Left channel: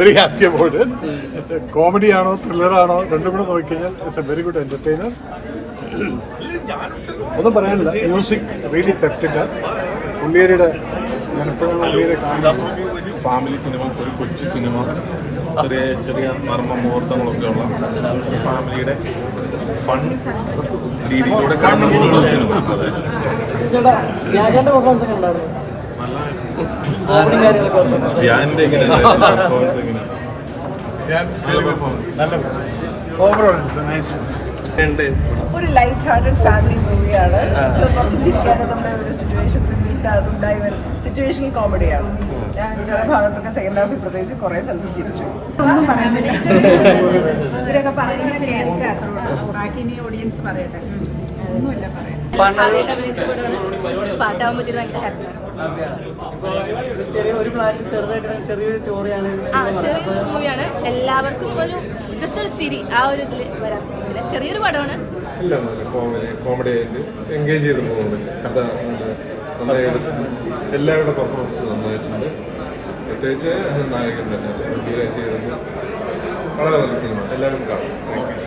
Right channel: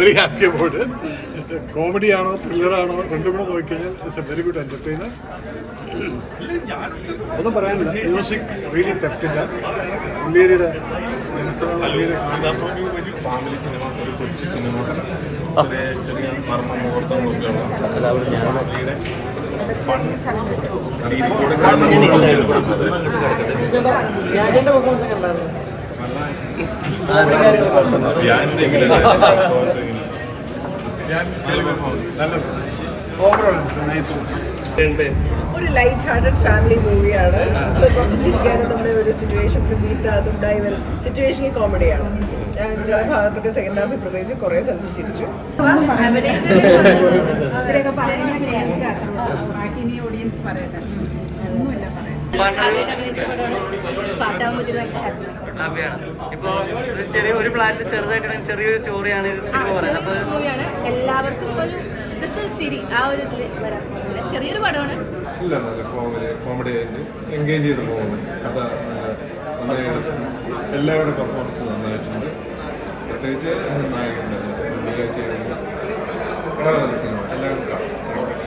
Very happy about it comedy ആണോ thriller ആണോ രണ്ടും കൂടെ നോക്കിക്കഴിഞ്ഞാൽ it's a very good entertainer ഒന്നും പറയാനില്ല. മ്യൂസിക് റിയലി തെറ്റില്ല ഉള്ളിയരുടെ എപ്പോഴാണ് ഉള്ളിയരെ കാണുന്നത് ഫാമിലി സിനിമ ഒരു കൊച്ചു സിനിമ ചെറിയ ചെറിയ മർമ്മ മുഹൂർത്തങ്ങളൊക്കെ ഉള്ള ഫാമിലിയുടെ ഫൺ രീതിയിലൂടെ ഒരു ലൈറ്റ് ഹാർട്ടഡ് ഫാമിലി മൂവിയാണ് കുറച്ച് ചിരിക്കാനും നമ്മുടെ ഒരു സിറ്റുവേഷൻസ് വീട്ടിനകത്ത് ഉണ്ടായി വരുന്ന സിറ്റുവേഷണൽ കോമഡിയാണ് ഞാൻ ചില ഭാഗത്തൊക്കെ സെക്കൻഡ് ഹാഫിൽ പ്രത്യേകിച്ച് കുറേ സ്ഥലത്ത് ചിരിച്ചു. ഒന്നും പറയാൻ പറ്റില്ല. ഇവരൊക്കെ പറയുന്ന കേൾക്കുക അത്രേ ഉള്ളൂ ബാക്കി ഇനി ഓഡിയൻസ് പറയട്ടെ. ഒന്നുമില്ല ഭയങ്കര ഹാപ്പിയാണ്. ചെറിയൊരു മൂവിയാണ് എല്ലാവർക്കും ഒരു ജസ്റ്റ് ഒരു ചിരി ആ ഒരു ഇതിൽ വരാൻ ചെറിയൊരു പടമാണ്. ഇല്ല നല്ല കോമഡി ആയിട്ട് എൻഗേജ് ചെയ്ത് പോകുന്നുണ്ട് കഥ എല്ലാവരുടെ പെർഫോമൻസ് നന്നായിട്ടുണ്ട്. പ്രത്യേകിച്ച് നായകൻ തന്നെ. വളരെ നല്ല സിനിമ എല്ലാവരും കാണും.